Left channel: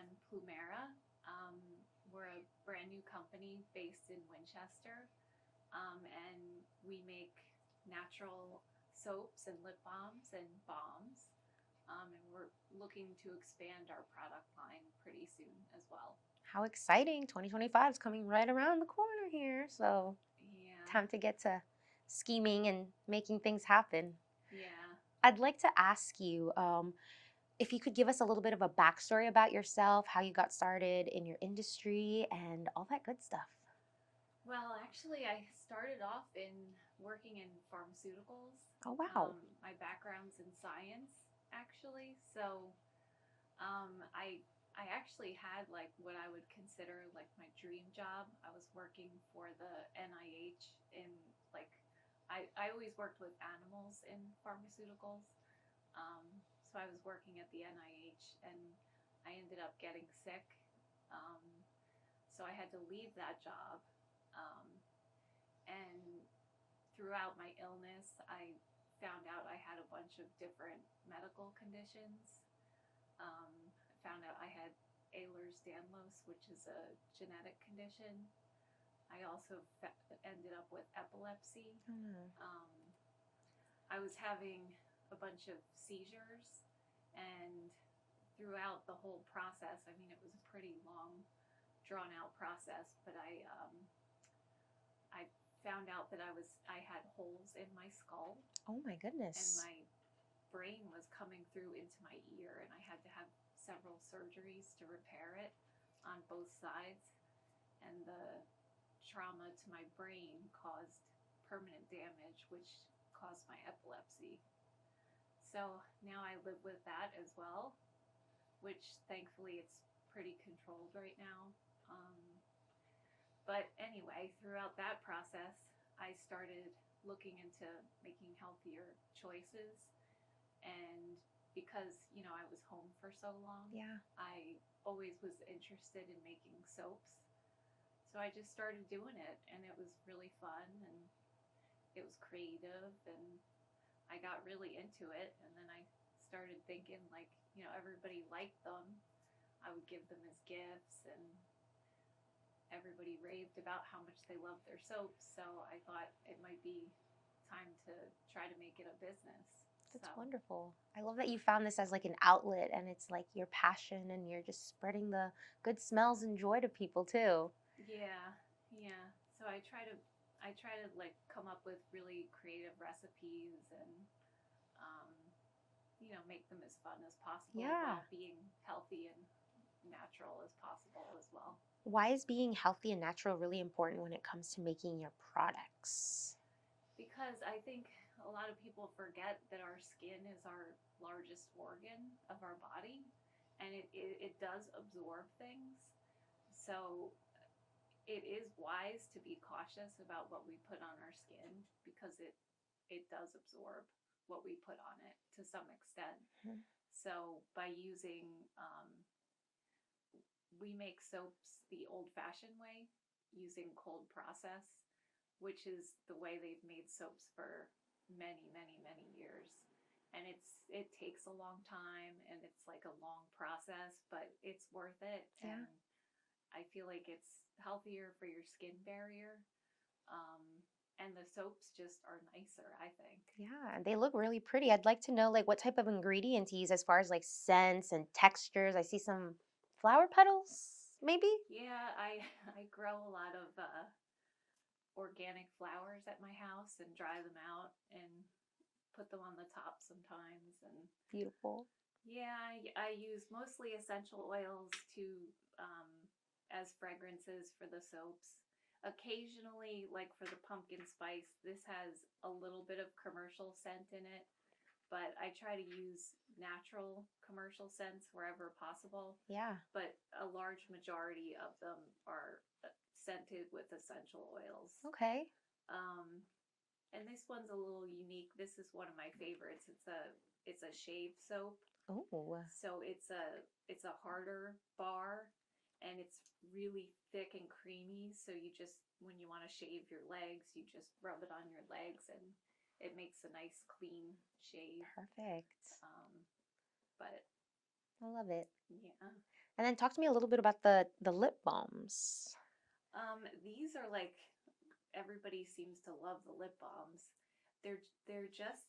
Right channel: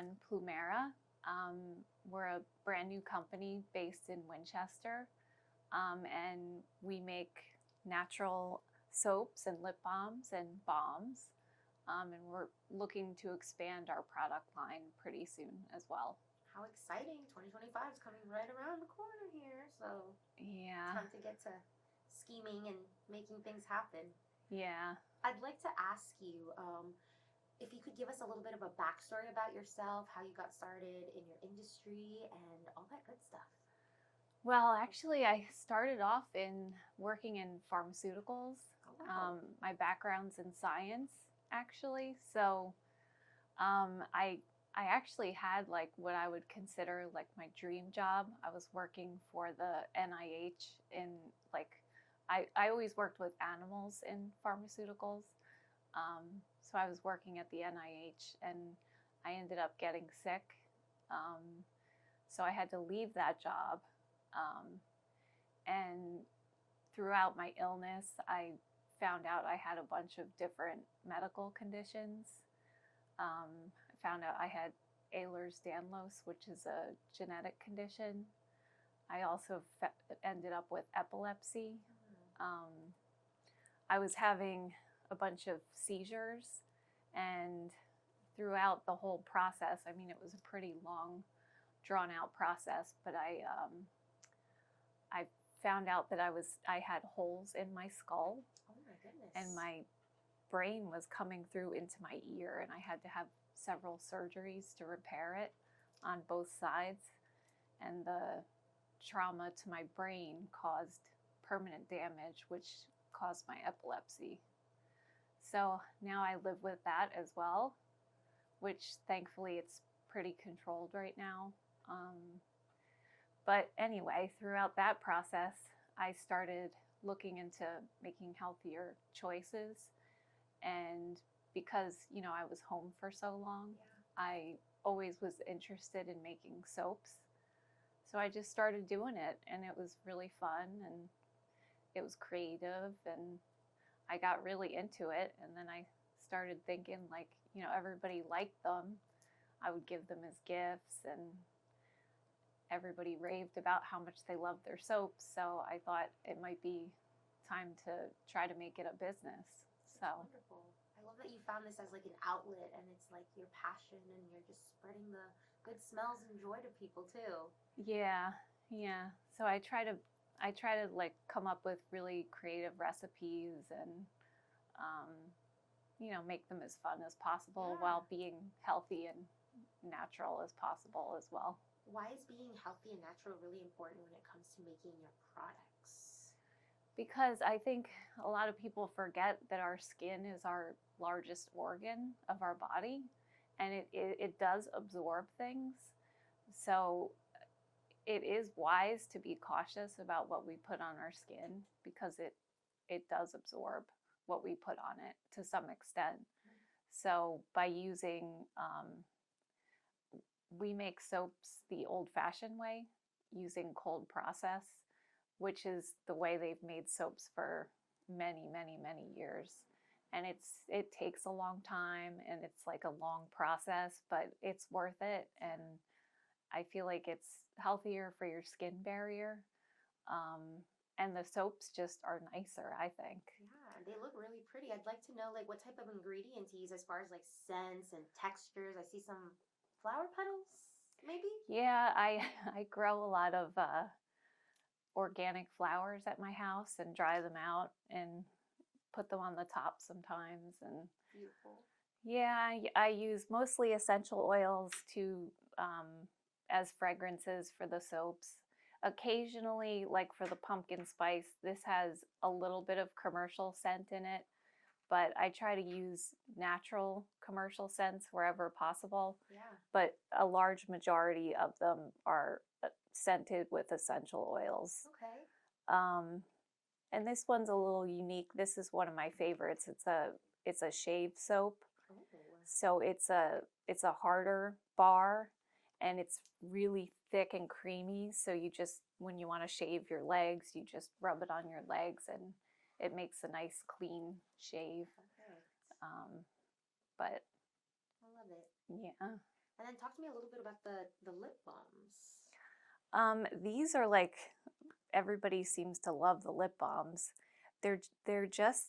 run Plumera. We're a brand new company based in Winchester, and we make natural soaps and lip balms and balms. And we're looking to expand our product line pretty soon as well. How exciting. 2025 is coming right around the corner here. So Yeah. time to get to scheming and making things happen. Yeah. I'd like to ask you if you could give us a little bit of a backstory about yourself, how you got started in your industry, and all that good stuff. Well, actually, I started off in working in pharmaceuticals. Oh, wow. My background's in science, actually. So I actually had like what I would consider like my dream job. I was working for the NIH in like I always worked with animals in pharmaceuticals. So I was working at the NIH and I ended up getting sick. Um, so I had to leave that job. And throughout my illness, I found out I had a bunch of different medical conditions. I found out I had Ehlers-Danlos, which is a genetic condition. I also ended up with epilepsy. I was having a bunch of seizures, and throughout the whole process, I mean, it was a pretty long, drawn-out process, but I found out that I had holes in my skull. Oh my goodness. And my brain was coming through into my ear, and I had to have several surgeries to repair it on both sides. And the trauma to my brain caused permanent damage, which caused my epilepsy. So now I live with that as well, which thankfully it's pretty controlled right now. But anyway, throughout that process, I started looking into making healthier choices. And because, you know, I was home for so long, I always was interested in making soaps. So I just started doing it, and it was really fun, and it was creative, and I got really into it. And then I started thinking, like, you know, everybody liked them. I would give them as gifts, and everybody raved about how much they loved their soaps. So I thought it might be time to try to make it a business. That's wonderful. I love that you found this as like an outlet, and it's like your passion, and you're just spreading the good smells and joy to people too. Yeah. So I try to like come up with really creative recipes and you know, make them as fun as possible while being healthy and natural as possible as well. Why is being healthy and natural really important when it comes to making your products? Because I think a lot of people forget that our skin is our largest organ of our body, and it does absorb things. So it is wise to be cautious about what we put on our skin, because it does absorb what we put on it to some extent. Mm-hmm. So by using, we make soaps the old-fashioned way, using cold process, which is the way they've made soaps for many, many, many years. And it takes a long time, and it's like a long process, but it's worth it. Yeah. And I feel like it's healthier for your skin barrier. And the soaps just are nicer, I think. Yeah, they look really pretty. I'd like to know like what type of ingredients you use as far as like scents and textures. I see some flower petals, maybe? Yeah, I grow a lot of organic flowers at my house and dry them out and put them on the top sometimes. And beautiful. Yeah, I use mostly essential oils to as fragrances for the soaps. Occasionally, like for the pumpkin spice, this has a little bit of commercial scent in it, but I try to use natural commercial scents wherever possible. Yeah. But a large majority of them are scented with essential oils. Okay. And this one's a little unique. This is one of my favorites. It's a shave soap. Oh. So it's a harder bar, and it's really thick and creamy. So you just, when you want to shave your legs, you just rub it on your legs, and it makes a nice clean shave. Perfect. But I love it. Yeah. And then talk to me a little bit about the lip balms. These are like everybody seems to love the lip balms. They're just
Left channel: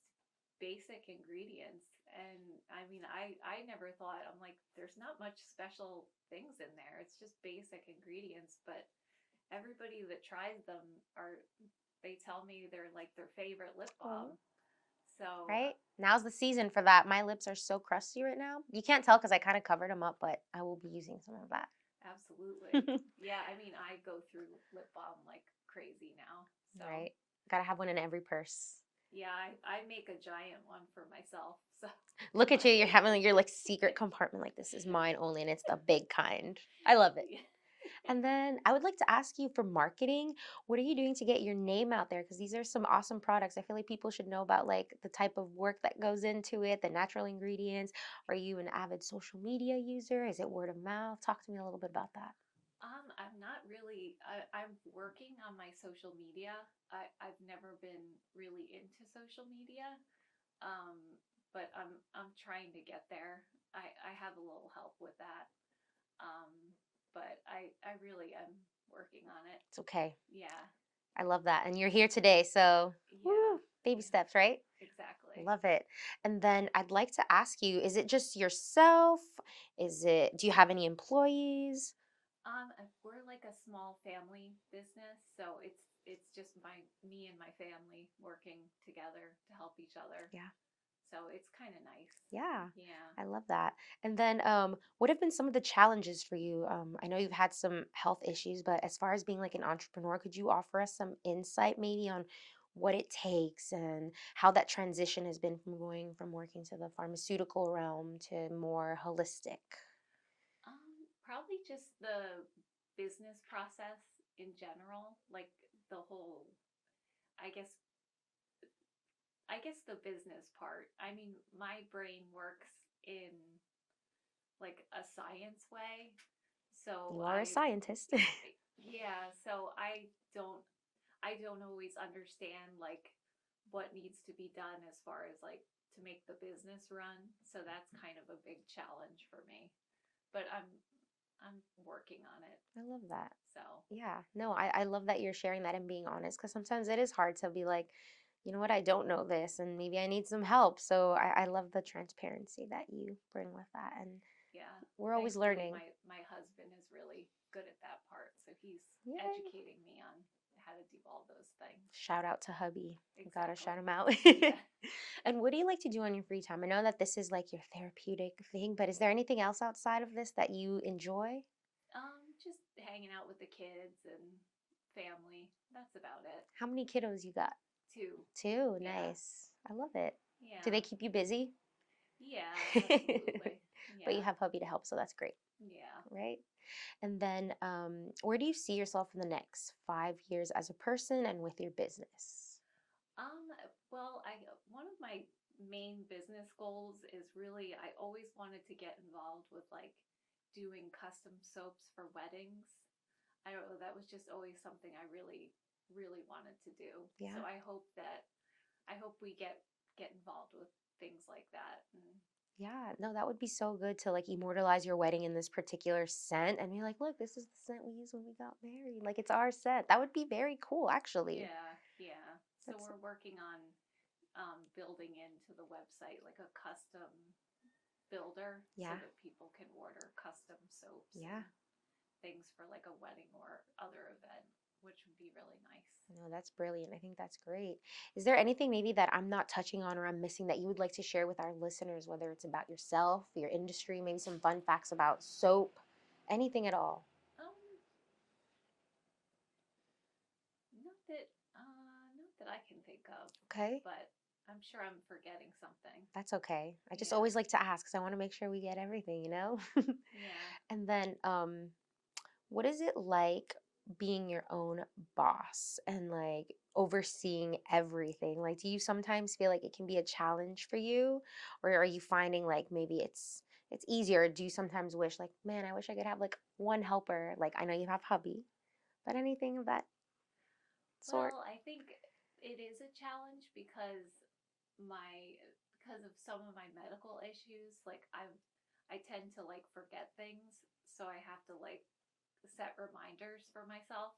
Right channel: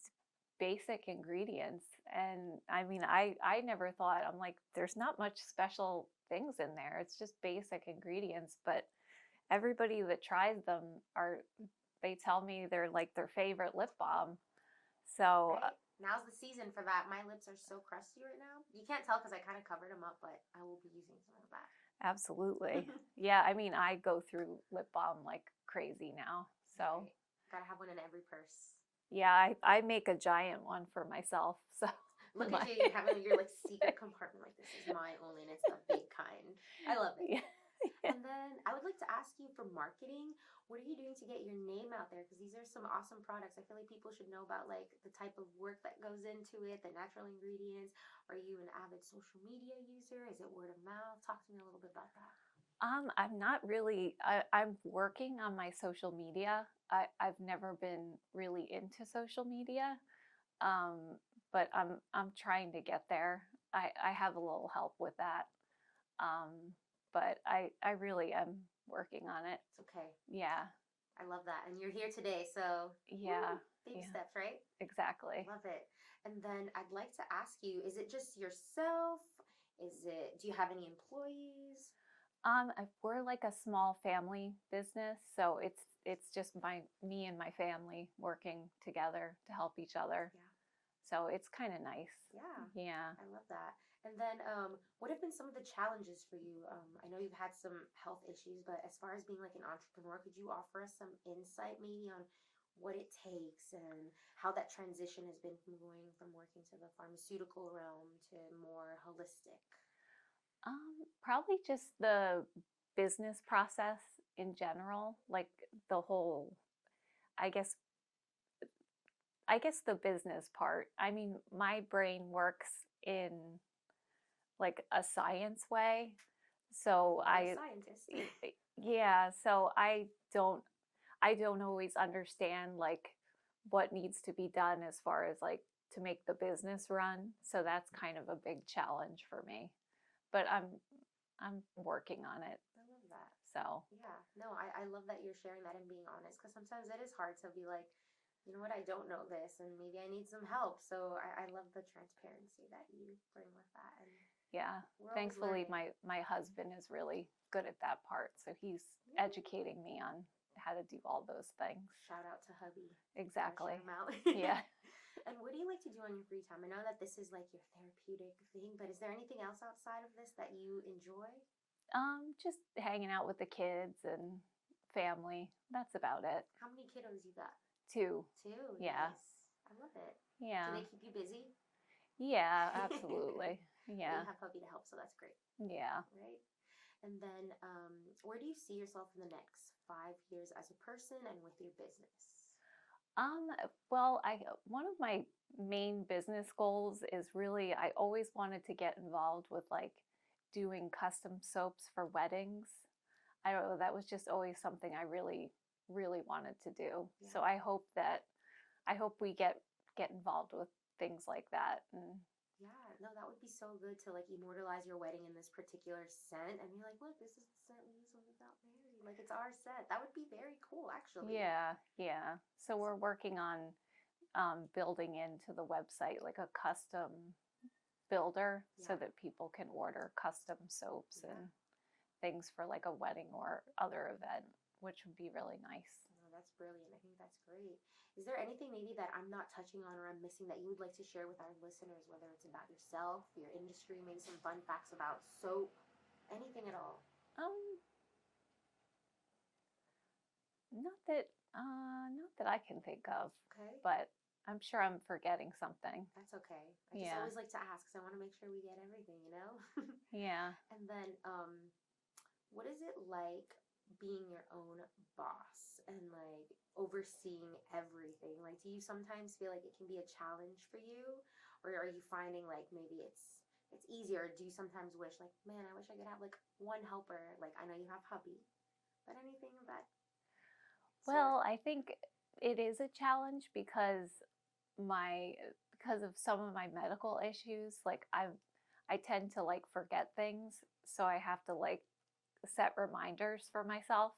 basic ingredients, and I mean, I never thought, I'm like, there's not much special things in there. It's just basic ingredients, but everybody that tries them are they tell me they're like their favorite lip balm. So Right? Now's the season for that. My lips are so crusty right now. You can't tell because I kind of covered them up, but I will be using some of that. absolutely. Yeah, I mean, I go through lip balm like crazy now. So Right. Gotta have one in every purse. yeah, I make a giant one for myself. So Look at you. You're having your like secret compartment. Like, this is mine only, and it's the big kind. I love it. yeah. And then I would like to ask you for marketing, what are you doing to get your name out there? Because these are some awesome products. I feel like people should know about like the type of work that goes into it, the natural ingredients. Are you an avid social media user? Is it word of mouth? Talk to me a little bit about that. I'm not really. I'm working on my social media. I've never been really into social media, um, but I'm trying to get there. I have a little help with that, um, but I really am working on it. It's okay. Yeah, I love that. And you're here today. So, yeah, woo, baby yeah, steps, right? exactly. Love it. And then I'd like to ask you, is it just yourself? Do you have any employees? We're like a small family business, so it's just me and my family working together to help each other. Yeah. So it's kind of nice. Yeah, Yeah. I love that. And then, what have been some of the challenges for you? I know you've had some health issues, but as far as being like an entrepreneur, could you offer us some insight maybe on what it takes and how that transition has been from going from working to the pharmaceutical realm to more holistic? Probably just the business process in general, like the whole, I guess, I guess the business part. I mean, my brain works in like a science way. So You are a scientist. yeah, so I don't always understand like what needs to be done as far as like to make the business run. So that's kind of a big challenge for me. But I'm working on it. I love that. So, Yeah, no, I love that you're sharing that and being honest because sometimes it is hard to be like, you know what, I don't know this and maybe I need some help. So I love the transparency that you bring with that. And yeah. we're always Thankfully learning. my husband is really good at that part. So he's Yay. educating me on how to do all those things. Shout out to hubby. Gotta shout Exactly. him out. Yeah. And what do you like to do on your free time? I know that this is like your therapeutic thing, but is there anything else outside of this that you enjoy? Just hanging out with the kids and family. That's about it. How many kiddos you got? Two. Two. Yeah. Nice. I love it. Do they Yeah. keep you busy? Yeah, absolutely. But you Yeah. have hubby to help, so that's great, Yeah. right? And then, where do you see yourself in the next 5 years as a person and with your business? Well, I one of my main business goals is really I always wanted to get involved with like doing custom soaps for weddings. I don't know, that was just always something I really wanted to do. So Yeah. I hope we get involved with things like that. And Yeah, no, that would be so good to like immortalize your wedding in this particular scent and be like, look, this is the scent we used when we got married. Like it's our scent. That would be very cool, actually. yeah, yeah. So That's we're working on building into the website like a custom builder so yeah, that people can order custom soaps and yeah. things for like a wedding or other event, which would be really nice. No, that's brilliant. I think that's great. Is there anything maybe that I'm not touching on or I'm missing that you would like to share with our listeners, whether it's about yourself, your industry, maybe some fun facts about soap, anything at all? Um, not that I can think of, Okay, but I'm sure I'm forgetting something. that's okay. I just Yeah, always like to ask because I want to make sure we get everything, you know? yeah. And then, what is it like being your own boss and like overseeing everything? Like, do you sometimes feel like it can be a challenge for you, or are you finding like maybe it's easier? Or do you sometimes wish like, man, I wish I could have like one helper? Like, I know you have hubby, but anything of that sort? Well, I think it is a challenge because my because of some of my medical issues, like I tend to like forget things, so I have to like set reminders for myself.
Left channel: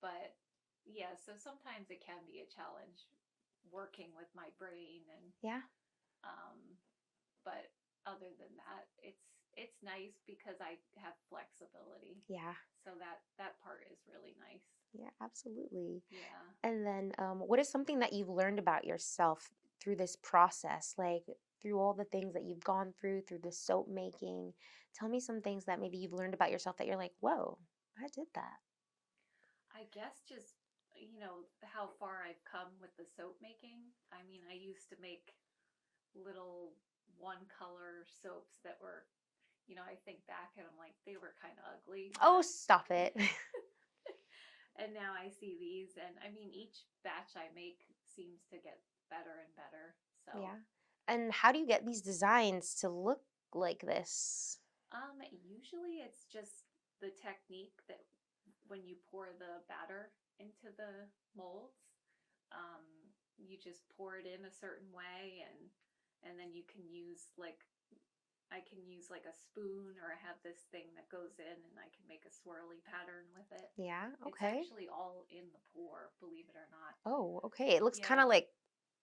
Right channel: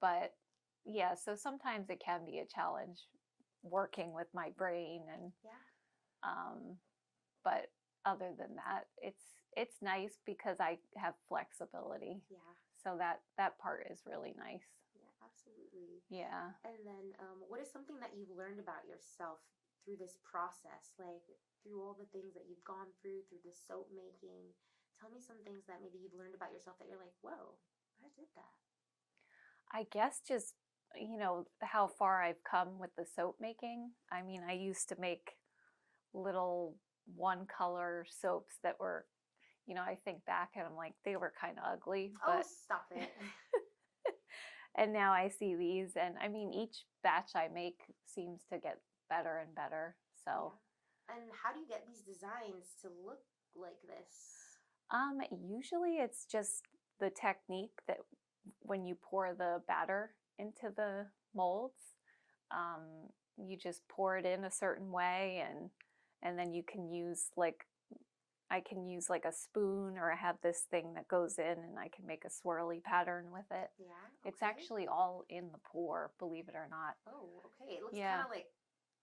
But yeah, so sometimes it can be a challenge working with my brain and Yeah. but other than that, it's nice because I have flexibility. Yeah. So that part is really nice. Yeah, absolutely. Yeah. And then what is something that you've learned about yourself through this process? Like through all the things that you've gone through the soap making. Tell me some things that maybe you've learned about yourself that you're like, whoa, I did that. I guess just, how far I've come with the soap making. I mean, I used to make little one color soaps that were, I think back and I'm like, they were kind of ugly. Oh, But stop it. and now I see these, and I mean, each batch I make seems to get better and better. So, Yeah. And how do you get these designs to look like this? usually it's just the technique that when you pour the batter into the molds, um, you just pour it in a certain way, and then you can use like I can use like a spoon, or I have this thing that goes in and I can make a swirly pattern with it. Yeah, It's okay. actually all in the pour, believe it or not. Oh, okay. It looks kind Yeah. of like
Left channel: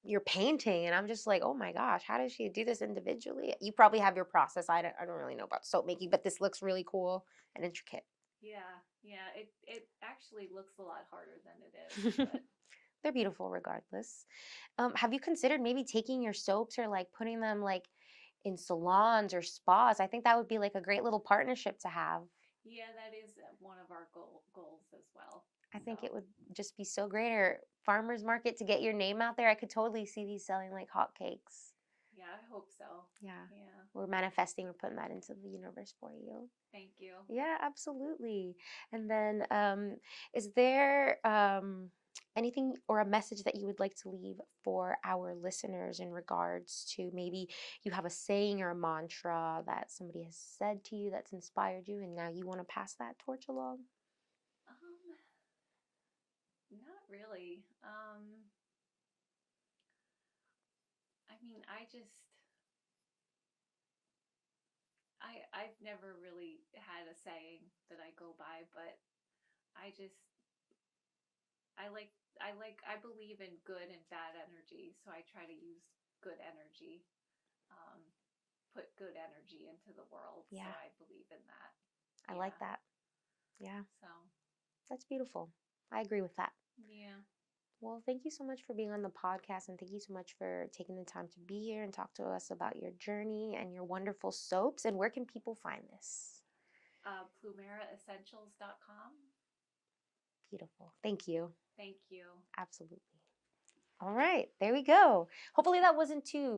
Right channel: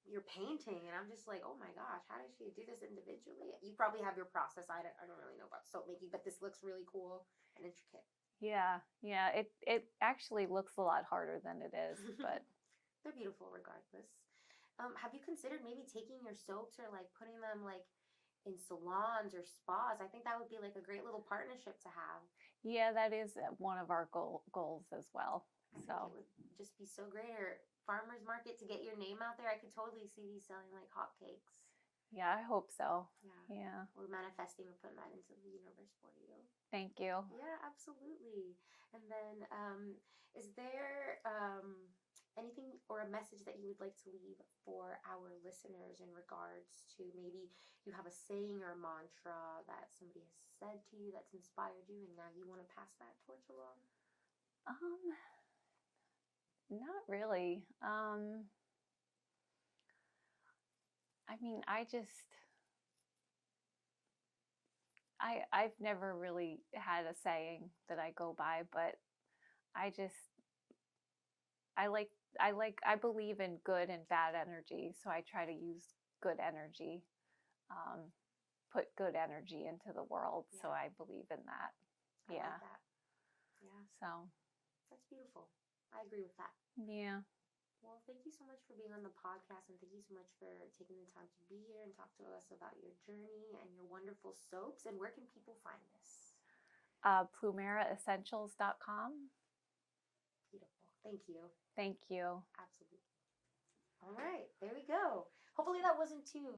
you're painting, and I'm just like, oh my gosh, how does she do this individually? You probably have your process. I don't really know about soap making, but this looks really cool and intricate. Yeah. Yeah. It actually looks a lot harder than it is, but They're beautiful regardless. Have you considered maybe taking your soaps or like putting them like in salons or spas? I think that would be like a great little partnership to have. yeah, that is one of our goals as well. I So, think it would just be so great. Or farmers market to get your name out there. I could totally see these selling like hotcakes. yeah, I hope so. Yeah. Yeah. We're manifesting, we're putting that into the universe for you. Thank you. Yeah, absolutely. And then, is there anything or a message that you would like to leave for our listeners in regards to maybe you have a saying or a mantra that somebody has said to you that's inspired you, and now you want to pass that torch along? Not really. I mean, I've never really had a saying that I go by, but I just I believe in good and bad energy, so I try to use good energy, um, put good energy into the world. So Yeah, I believe in that. I like Yeah. that. Yeah, So that's beautiful. I agree with that. yeah. Well, thank you so much for being on the podcast, and thank you so much for taking the time to be here and talk to us about your journey and your wonderful soaps. And where can people find this? PlumeraEssentials.com. Beautiful. Thank you. Thank you. Absolutely. All right, there we go. Hopefully that wasn't too